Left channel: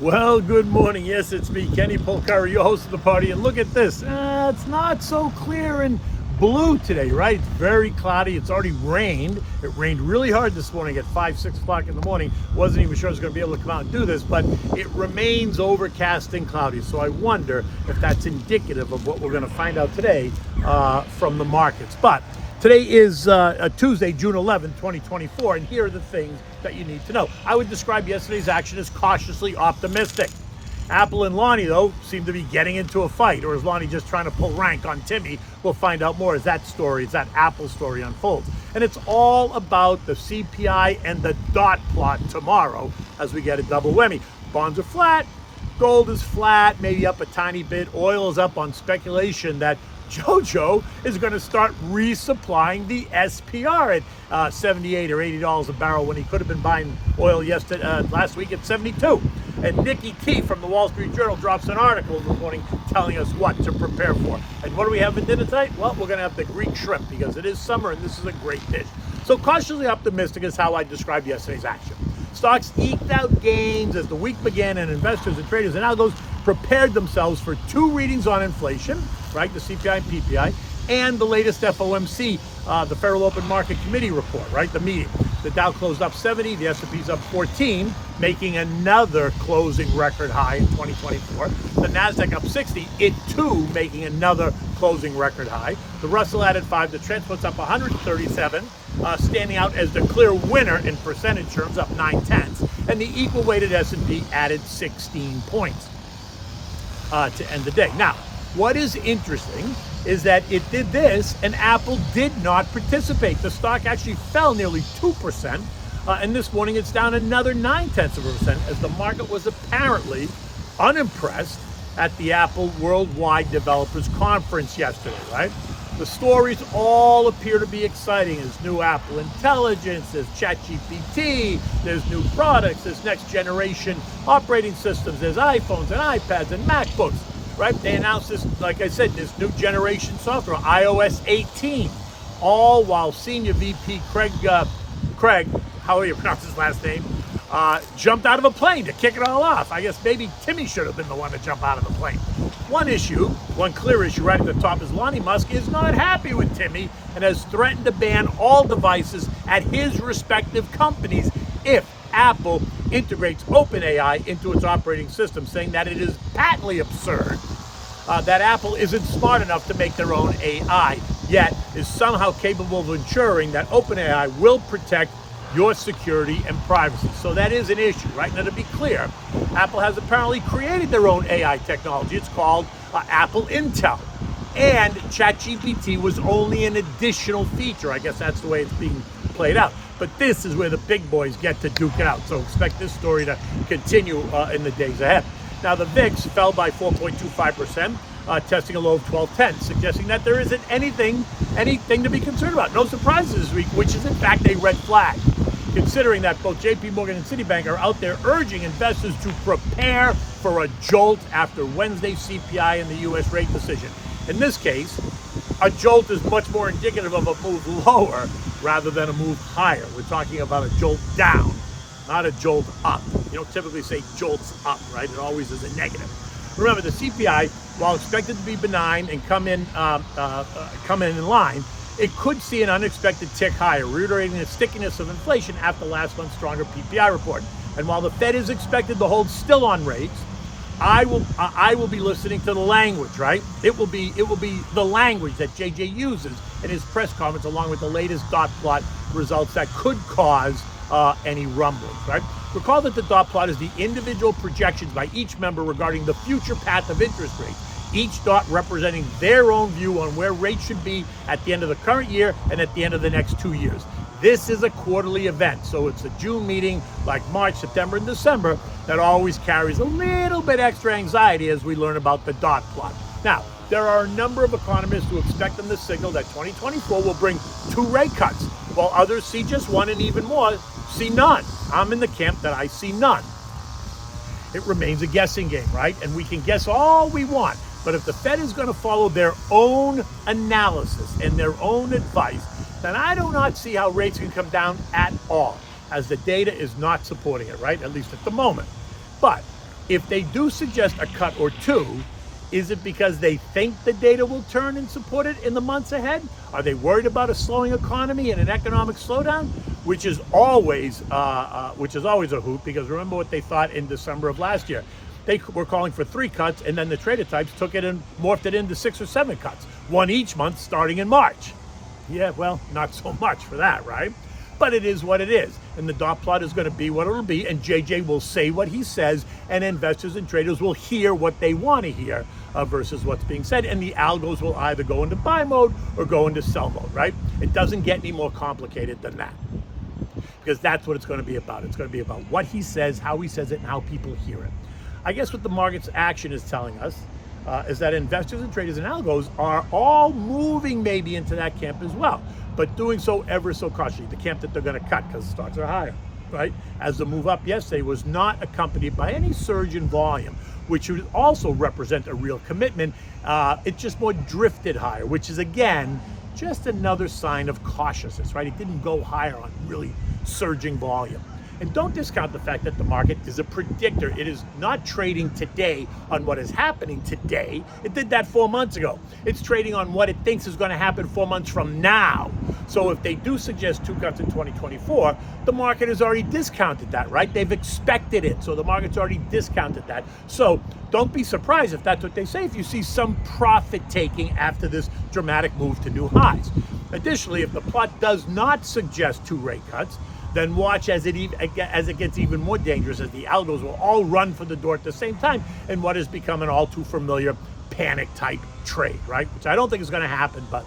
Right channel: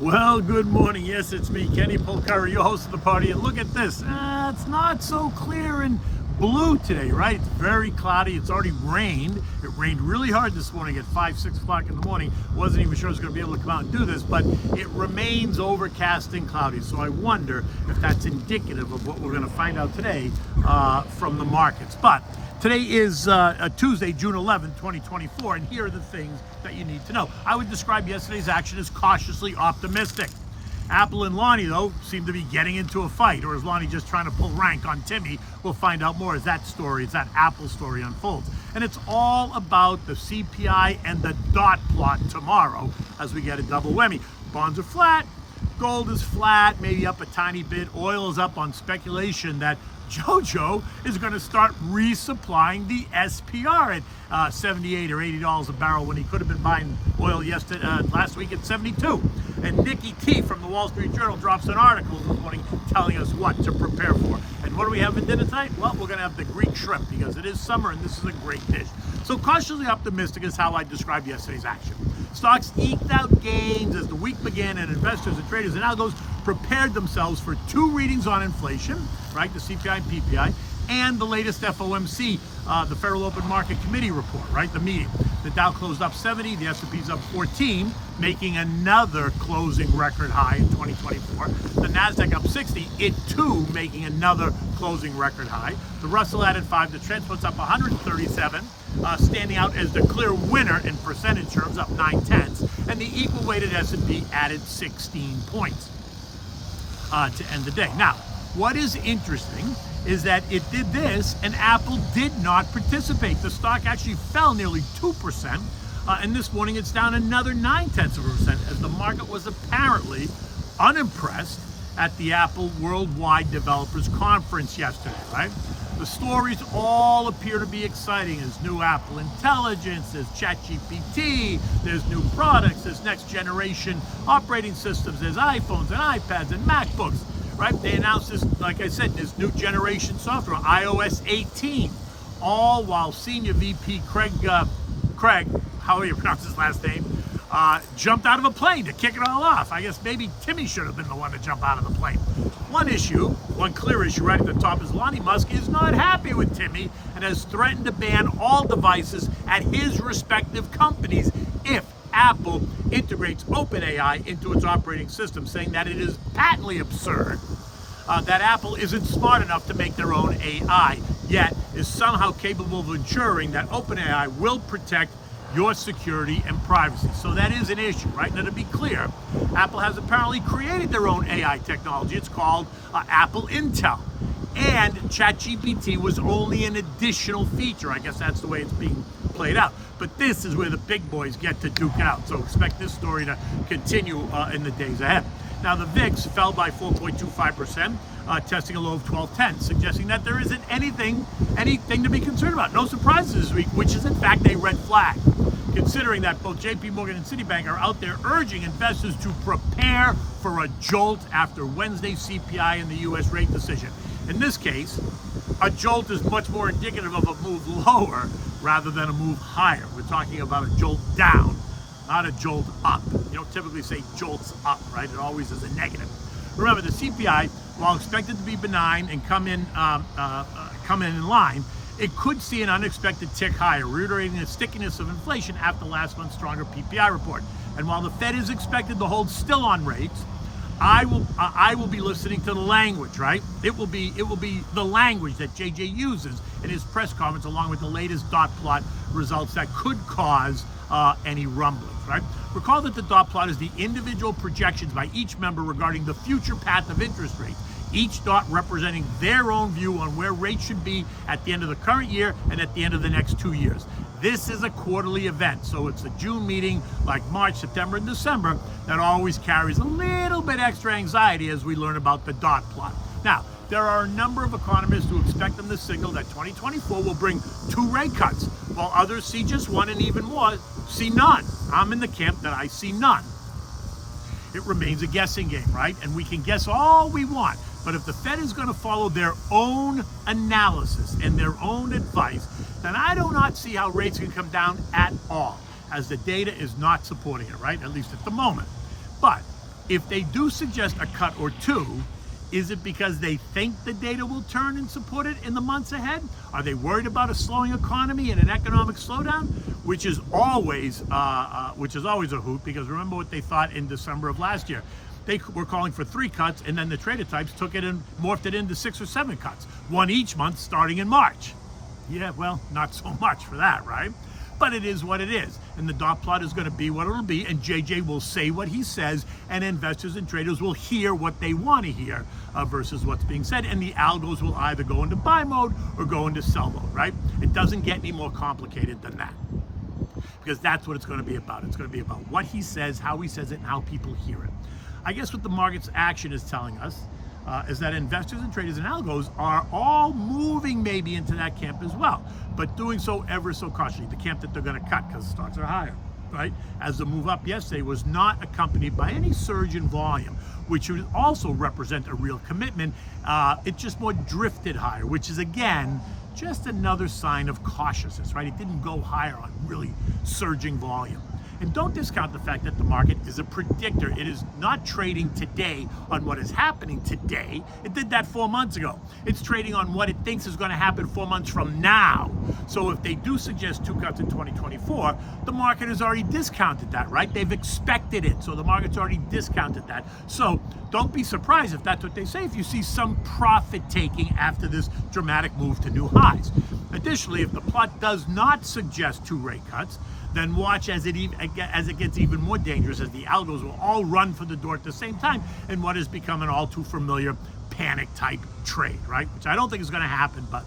Well, good morning. Yes, it's me, Kenny Polcari, your host of the party. And look at this. It's not so clear and blue today, right? It's very cloudy. It's already rained. It rained really hard this morning at 6 o'clock in the morning. Wasn't even sure I was going to be able to come out and do this, but it remains overcast and cloudy. So I wonder if that's indicative of what we're going to find out today from the markets. But today is a Tuesday, June 11, 2024, and here are the things that you need to know. I would describe yesterday's action as cautiously optimistic. Apple and Lonnie, though, seem to be getting into a fight, or is Lonnie just trying to pull rank on Timmy? We'll find out more as that Apple story unfolds. And it's all about the CPI and the dot plot tomorrow as we get a double whammy. Bonds are flat, gold is flat, maybe up a tiny bit. Oil is up on speculation that ច្ច̌ǒ is going to start resupplying the SPR at $78 or $80 a barrel when he could have been buying oil last week at 72. And Nick T from the Wall Street Journal drops an article this morning telling us what to prepare for. And what do we have for dinner tonight? Well, we're going to have the Greek shrimp because it is summer and this is a great dish. So cautiously optimistic is how I described yesterday's action. Stocks eked out gains as the week began, and investors and traders and algos prepared themselves for two readings on inflation, right, the CPI and PPI, and the latest FOMC, the Federal Open Market Committee report, right, the meeting. The Dow closed up 70, the S&P's up 14, making another closing record high in 2024. The Nasdaq up 60, it too making another closing record high. The Russell added 5, the Transport's up 137, standing out as the clear winner in percentage terms, up 9/10, and the equal weighted S&P added 16 points to end the day. Now, what is interesting is that it did this and Apple did not participate. The stock actually fell nearly 2%, and this morning it's down another 0.9% as the market was apparently unimpressed at the Apple Worldwide Developers Conference yesterday, right? The stories all appear to be exciting. There's new Apple Intelligence, there's ChatGPT, there's new products, there's next generation operating systems, there's iPhones and iPads and MacBooks, right? They announced this, like I said, this new generation software, iOS 18, all while Senior VP Craig, how do you pronounce his last name, jumped out of a plane to kick it all off. I guess maybe Timmy should have been the one to jump out of the plane. One clear issue right at the top is Elon Musk is not happy with Timmy and has threatened to ban all devices at his respective companies if Apple integrates OpenAI into its operating system, saying that it is patently absurd that Apple isn't smart enough to make their own AI, yet is somehow capable of ensuring that OpenAI will protect your security and privacy. So that is an issue, right? Now, to be clear, Apple has apparently created their own AI technology. It's called Apple Intel. And ChatGPT was only an additional feature. I guess that's the way it's being played out. But this is where the big boys get to duke it out. So expect this story to continue in the days ahead. Now, the VIX fell by 4.25%, testing a low of 1210, suggesting that there isn't anything to be concerned about. No surprises this week, which is in fact a red flag, considering that both JP Morgan and Citibank are out there urging investors to prepare for a jolt after Wednesday's CPI and the U.S. rate decision. In this case, a jolt is much more indicative of a move lower rather than a move higher. We're talking about a jolt down, not a jolt up. You don't typically say jolts up, right? It always is a negative. Remember, the CPI, while expected to be benign and come in in line, it could see an unexpected tick higher, reiterating the stickiness of inflation after last month's stronger PPI report. And while the Fed is expected to hold still on rates, I will be listening to the language, right? It will be the language that JJ uses in his press conference, along with the latest dot plot results that could cause any rumblings, right? Recall that the dot plot is the individual projections by each member regarding the future path of interest rates, each dot representing their own view on where rates should be at the end of the current year and at the end of the next 2 years. This is a quarterly event, so it's the June meeting, like March, September, and December, that always carries a little bit extra anxiety as we learn about the dot plot. Now, there are a number of economists who expect them to signal that 2024 will bring 2 rate cuts, while others see just one and even more see none. I'm in the camp that I see none. It remains a guessing game, right? And we can guess all we want, but if the Fed is going to follow their own analysis and their own advice, then I do not see how rates can come down at all, as the data is not supporting it, right? At least at the moment. But If they do suggest a cut or two, is it because they think the data will turn and support it in the months ahead? Are they worried about a slowing economy and an economic slowdown, which is always a hoot? Because remember what they thought in December of last year. They were calling for 3 cuts, and then the trader types took it and morphed it into 6 or 7 cuts, one each month starting in March. Yeah, well, not so much for that, right? But it is what it is. And the dot plot is going to be what it'll be. And JJ will say what he says. And investors and traders will hear what they want to hear versus what's being said. And the algos will either go into buy mode or go into sell mode, right? It doesn't get any more complicated than that. Because that's what it's going to be about. It's going to be about what he says, how he says it, and how people hear it. I guess what the market's action is telling us is that investors and traders and algos are all moving maybe into that camp as well, but doing so ever so cautiously, the camp that they're going to cut because stocks are higher, right? As the move up yesterday was not accompanied by any surge in volume, which would also represent a real commitment. It just more drifted higher, which is, again, just another sign of cautiousness, right? It didn't go higher on really surging volume. And don't discount the fact that the market is a predictor. It is not trading today on what is happening today. It did that 4 months ago. It's trading on what it thinks is going to happen 4 months from now. So if they do suggest 2 cuts in 2024, the market has already discounted that, right? They've expected it. So the market's already discounted that. So don't be surprised if that's what they say, if you see some profit taking after this dramatic move to new highs. Additionally, if the plot does not suggest 2 rate cuts, then watch as it gets even more dangerous, as the algos will all run for the door at the same time in what has become an all too familiar panic type trade, right? Which I don't think is going to happen, but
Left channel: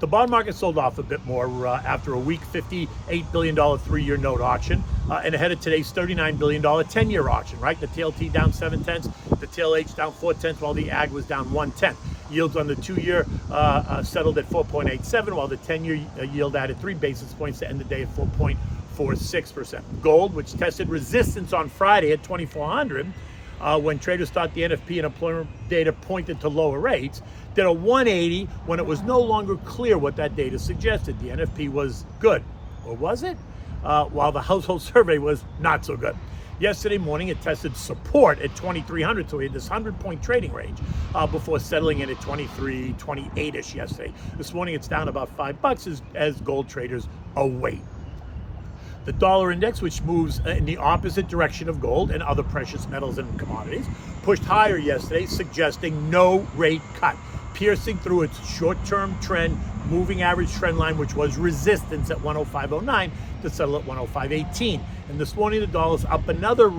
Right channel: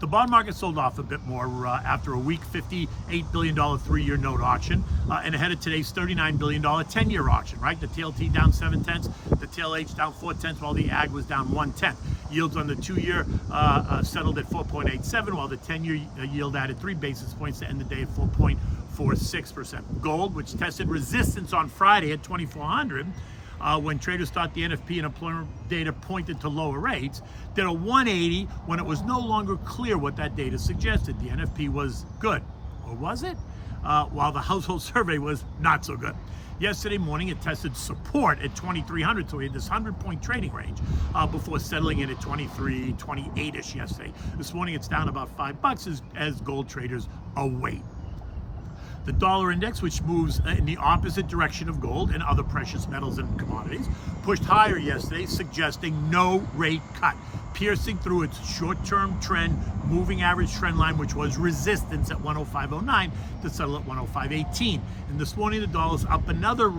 the bond market sold off a bit more after a weak $58 billion 3-year note auction and ahead of today's $39 billion 10-year auction, right? The TLT down 0.7, the TLH down 0.4, while the AG was down 0.1. Yields on the 2-year settled at 4.87, while the 10-year yield added 3 basis points to end the day at 4.46%. Gold, which tested resistance on Friday at 2,400, when traders thought the NFP and employment data pointed to lower rates, did a 180 when it was no longer clear what that data suggested. The NFP was good, or was it? While the household survey was not so good. Yesterday morning, it tested support at 2,300, so we had this 100-point trading range before settling in at 23, 28-ish yesterday. This morning, it's down about $5 as gold traders await. The dollar index, which moves in the opposite direction of gold and other precious metals and commodities, pushed higher yesterday, suggesting no rate cut, piercing through its short-term trend moving average trend line, which was resistance at 105.09 to settle at 105.18. And this morning, the dollar's up another 8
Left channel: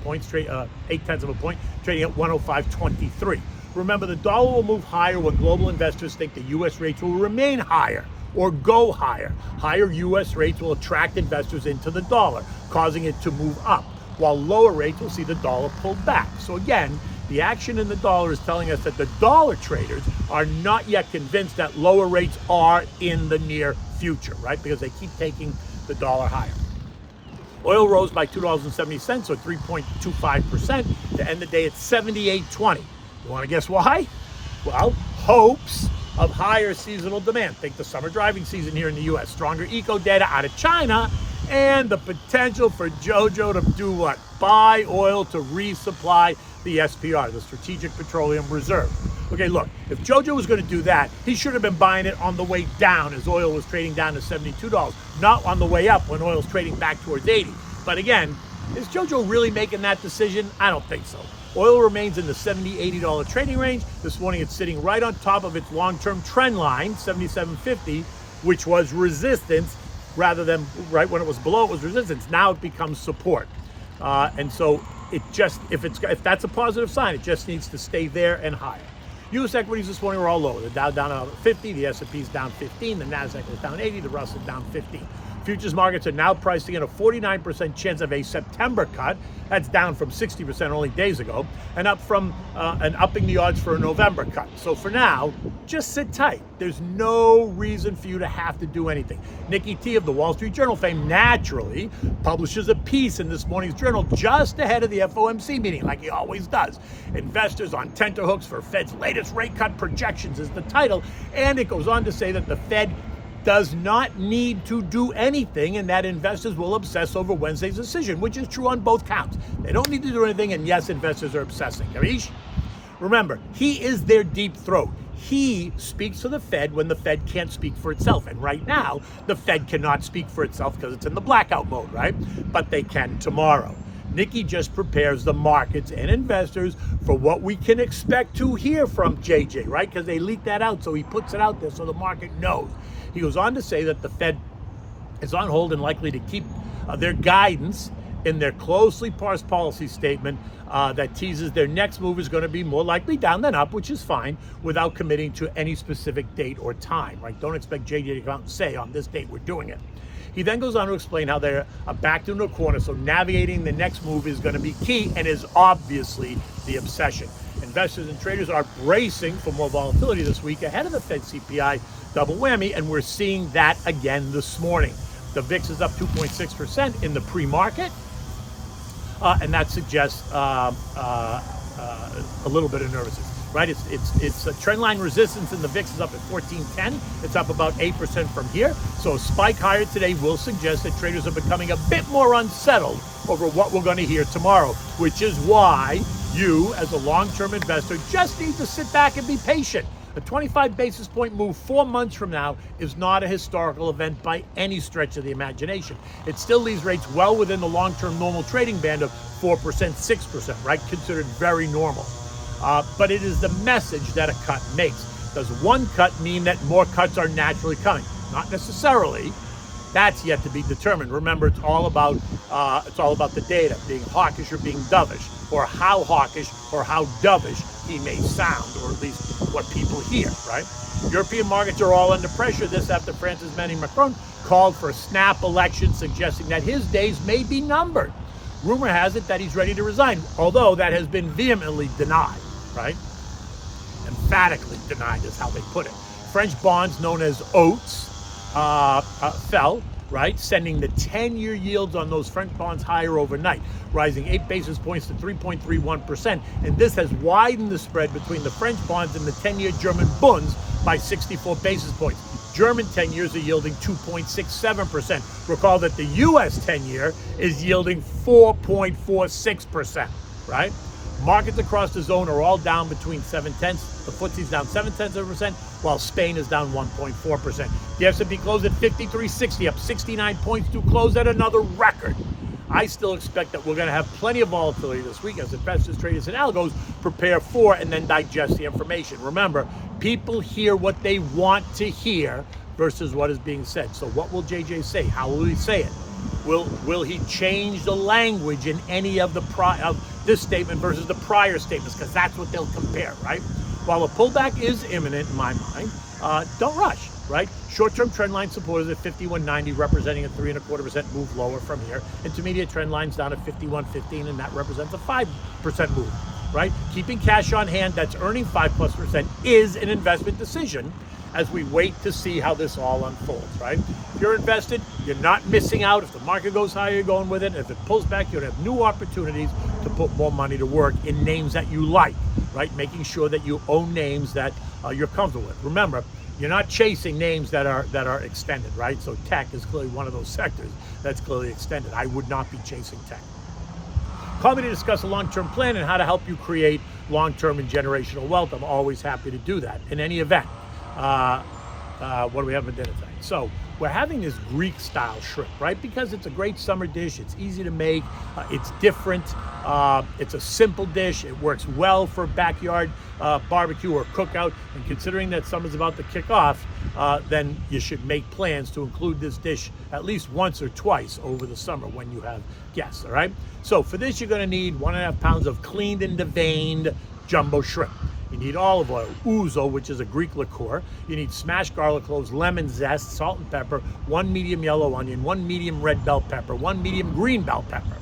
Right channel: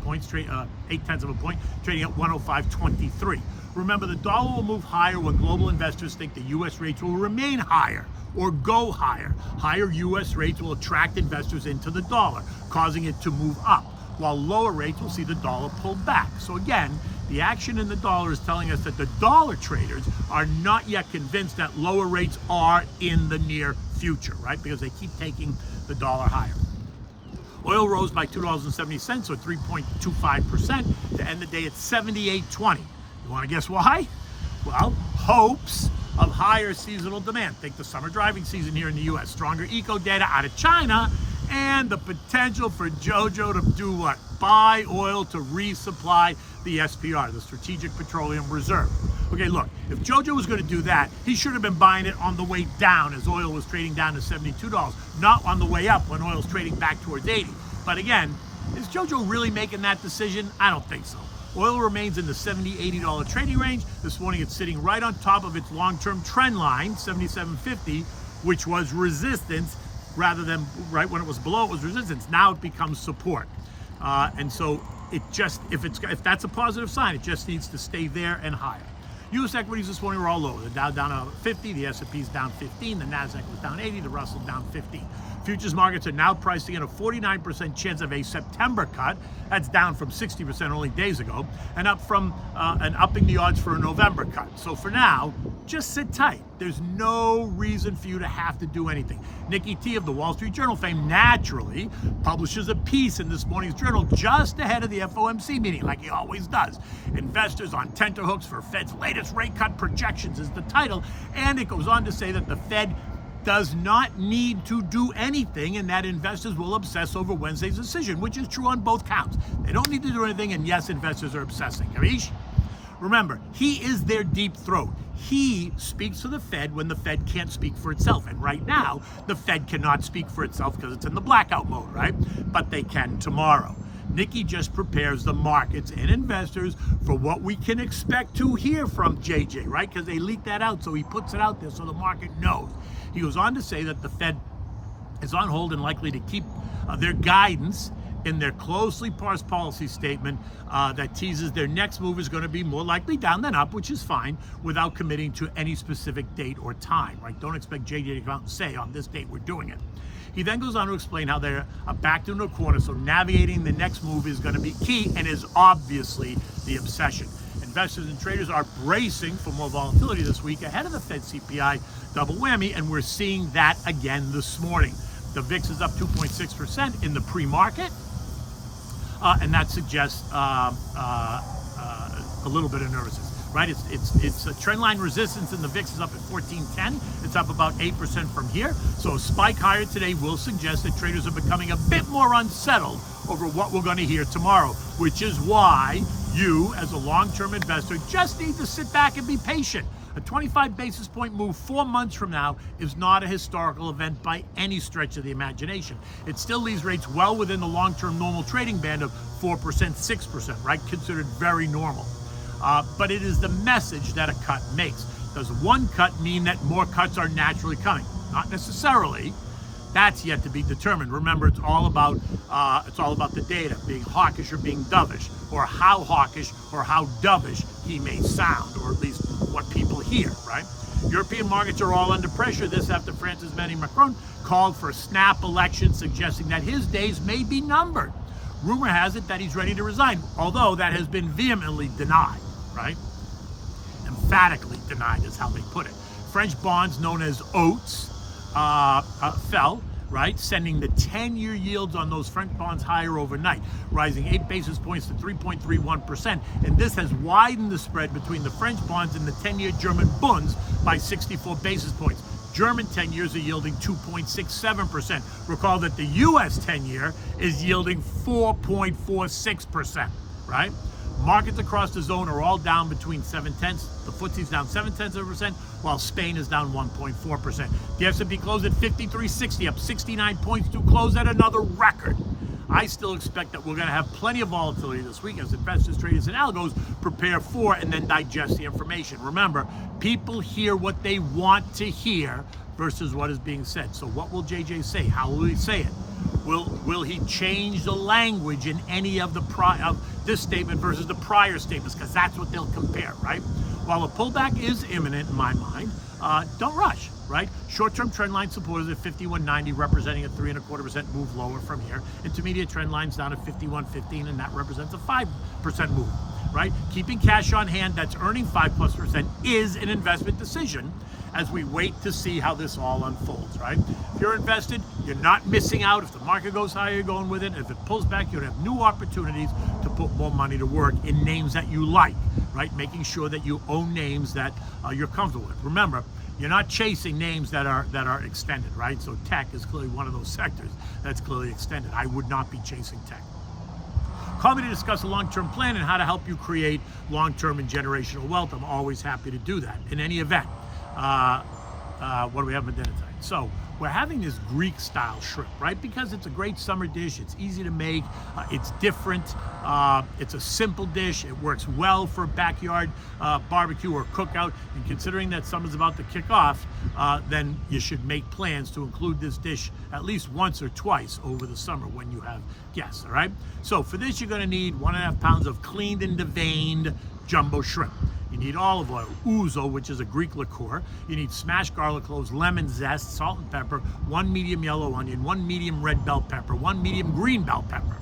points, 0.8 of a point, trading at 105.23. Remember, the dollar will move higher when global investors think the U.S. rates will remain higher or go higher. Higher U.S. rates will attract investors into the dollar, causing it to move up, while lower rates will see the dollar pull back. So again, the action in the dollar is telling us that the dollar traders are not yet convinced that lower rates are in the near future, right? Because they keep taking the dollar higher. Oil rose by $2.70, or 3.25%, to end the day at $78.20. You want to guess why? Well, hopes of higher seasonal demand. Think the summer driving season here in the U.S., stronger eco data out of China, and the potential for ＪoJo to do what? Buy oil to resupply the SPR, the Strategic Petroleum Reserve. Okay, look, if ＪoJo was going to do that, he should have been buying it on the way down as oil was trading down to $72, not on the way up when oil's trading back towards 80. But again, is ＪoJo really making that decision? I don't think so. Oil remains in the $70, $80 trading range. This morning it's sitting right on top of its long-term trend line, 77.50, which was resistance rather than right when it was below it was resistance. Now it becomes support. And so it just, if that's a positive sign, it just needs to stay there and higher. U.S. equities this morning were all lower. The Dow down another 50, the S&P's down 15, the Nasdaq was down 80, the Russell down 15. Futures markets are now pricing in a 49% chance of a September cut. That's down from 60% only days ago, and upping the odds for a November cut. So for now, just sit tight. There's no reason for you to have to do anything. Nicky T of the Wall Street Journal fame naturally publishes a piece in this morning's journal just ahead of the FOMC meeting, like he always does. Investors on tenterhooks for Fed's latest rate cut projections is the title, and it goes on to say that the Fed does not need to do anything, and that investors will obsess over Wednesday's decision, which is true on both counts. They don't need to do anything, and yes, investors are obsessing. Karish? Remember, he is their deep throat. He speaks for the Fed when the Fed can't speak for itself. And right now, the Fed cannot speak for itself because it's in the blackout mode, right? But they can tomorrow. Nicky just prepares the markets and investors for what we can expect to hear from JJ, right? Because they leaked that out, so he puts it out there so the market knows. He goes on to say that the Fed is on hold and likely to keep their guidance in their closely parsed policy statement that teases their next move is going to be more likely down than up, which is fine, without committing to any specific date or time, right? Don't expect JJ to come out and say, on this date we're doing it. He then goes on to explain how they're backed into a corner, so navigating the next move is going to be key and is obviously the obsession. Investors and traders are bracing for more volatility this week ahead of the Fed CPI double whammy, and we're seeing that again this morning. The VIX is up 2.6% in the pre-market, and that suggests a little bit of nervousness. Right, it's a trend line resistance, and the VIX is up at 1410. It's up about 8% from here. So a spike higher today will suggest that traders are becoming a bit more unsettled over what we're going to hear tomorrow, which is why you, as a long-term investor, just need to sit back and be patient. A 25 basis point move 4 months from now is not a historical event by any stretch of the imagination. It still leaves rates well within the long-term normal trading band of 4%, 6%, right? Considered very normal. But it is the message that a cut makes. Does one cut mean that more cuts are naturally coming? Not necessarily. That's yet to be determined. Remember, it's all about the data, being hawkish or being dovish, or how hawkish or how dovish he may sound, or at least what people hear, right? European markets are all under pressure. This after France's Emmanuel Macron called for a snap election, suggesting that his days may be numbered. Rumor has it that he's ready to resign, although that has been vehemently denied, right? Emphatically denied is how they put it. French bonds known as OATs fell, right? Sending the 10-year yields on those French bonds higher overnight, rising 8 basis points to 3.31%. And this has widened the spread between the French bonds and the 10-year German Bunds by 64 basis points. German 10 years are yielding 2.67%. Recall that the US 10-year is yielding 4.46%, right? Markets across the zone are all down between 0.7. The FTSE's down 0.7%, while Spain is down 1.4%. The S&P closed at 5360, up 69 points to close at another record. I still expect that we're going to have plenty of volatility this week as investors, traders, and algos prepare for and then digest the information. Remember, people hear what they want to hear versus what is being said. So what will JJ say? How will he say it? Will he change the language in any of this statement versus the prior statements? Because that's what they'll compare, right? While a pullback is imminent in my mind, don't rush, right? Short-term trend line support is at 51.90, representing a 3.25% move lower from here. Intermediate trend line's down at 51.15, and that represents a 5% move, right? Keeping cash on hand that's earning 5+% is an investment decision as we wait to see how this all unfolds, right? If you're invested, you're not missing out. If the market goes higher, you're going with it. If it pulls back, you're gonna have new opportunities to put more money to work in names that you like, right? Making sure that you own names that you're comfortable with. Remember, you're not chasing names that are extended, right? So tech is clearly one of those sectors that's clearly extended. I would not be chasing tech. Call me to discuss a long-term plan and how to help you create long-term and generational wealth. I'm always happy to do that. In any event, what do we have for dinner tonight? So we're having this Greek style shrimp, right? Because it's a great summer dish. It's easy to make. It's different. It's a simple dish. It works well for backyard barbecue or cookout. And considering that summer's about to kick off, then you should make plans to include this dish at least once or twice over the summer when you have guests, all right? So for this, you're gonna need 1.5 pounds of cleaned and deveined jumbo shrimp. You need olive oil, ouzo, which is a Greek liqueur. You need smashed garlic cloves, lemon zest, salt and pepper, 1 medium yellow onion, 1 medium red bell pepper, 1 medium green bell pepper.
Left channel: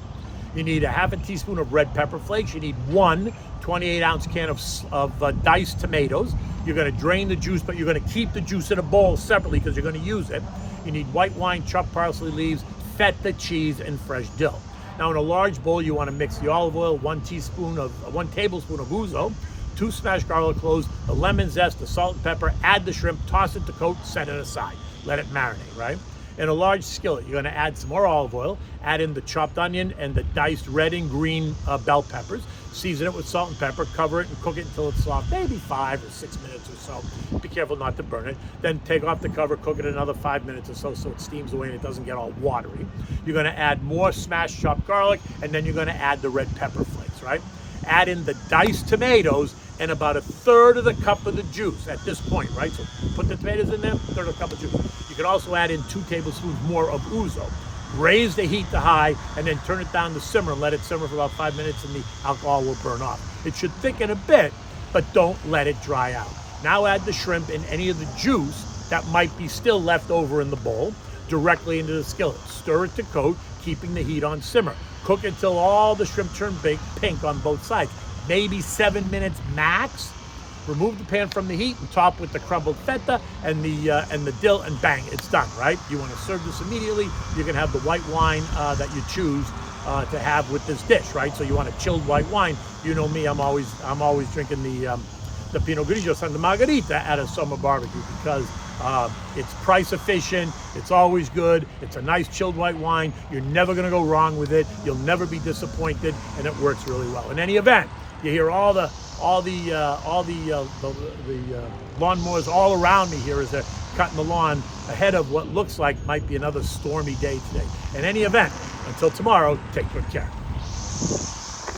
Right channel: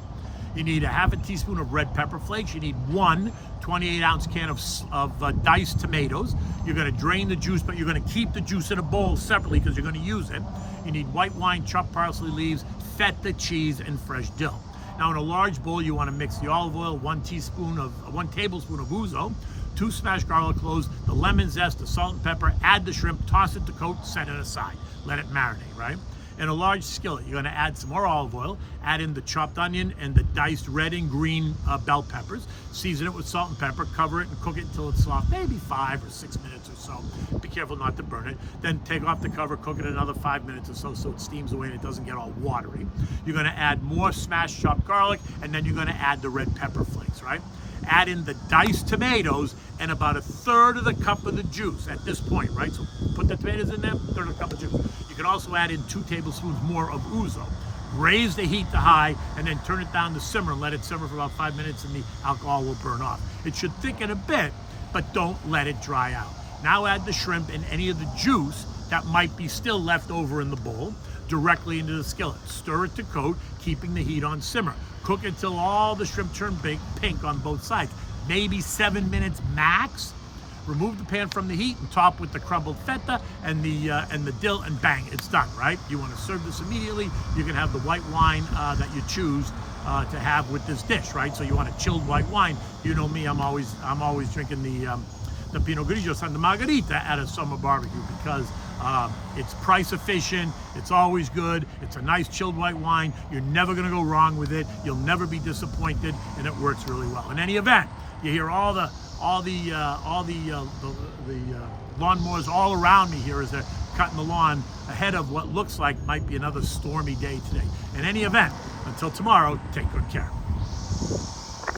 You need a 1/2 teaspoon of red pepper flakes. You need 1 28-ounce can of diced tomatoes. You're gonna drain the juice, but you're gonna keep the juice in a bowl separately because you're gonna use it. You need white wine, chopped parsley leaves, feta cheese, and fresh dill. Now in a large bowl, you wanna mix the olive oil, 1 tablespoon of ouzo, 2 smashed garlic cloves, the lemon zest, the salt and pepper, add the shrimp, toss it to coat, set it aside. let it marinate, right? In a large skillet, you're gonna add some more olive oil, add in the chopped onion and the diced red and green bell peppers, season it with salt and pepper, cover it and cook it until it's soft, maybe 5 or 6 minutes or so. Be careful not to burn it. Then take off the cover, cook it another 5 minutes or so it steams away and it doesn't get all watery. You're gonna add more smashed chopped garlic, and then you're gonna add the red pepper flakes, right? Add in the diced tomatoes and about 1/3 of the cup of the juice at this point, right? So put the tomatoes in there, 1/3 of the cup of juice. You can also add in 2 tablespoons more of ouzo. Raise the heat to high and then turn it down to simmer and let it simmer for about 5 minutes and the alcohol will burn off. It should thicken a bit, but don't let it dry out. Now add the shrimp and any of the juice that might be still left over in the bowl directly into the skillet. Stir it to coat, keeping the heat on simmer. Cook until all the shrimp turn pink on both sides, maybe 7 minutes max. Remove the pan from the heat and top with the crumbled feta and the dill, and bang, it's done, right? You want to serve this immediately. You can have the white wine that you choose to have with this dish, right? So you want a chilled white wine. You know me, I'm always drinking the Pinot Grigio Santa Margarita at a summer barbecue because it's price efficient, it's always good, it's a nice chilled white wine. You're never gonna go wrong with it. You'll never be disappointed, and it works really well. In any event, you hear all the lawnmowers all around me here as they're cutting the lawn ahead of what looks like might be another stormy day today. In any event, until tomorrow, take good care.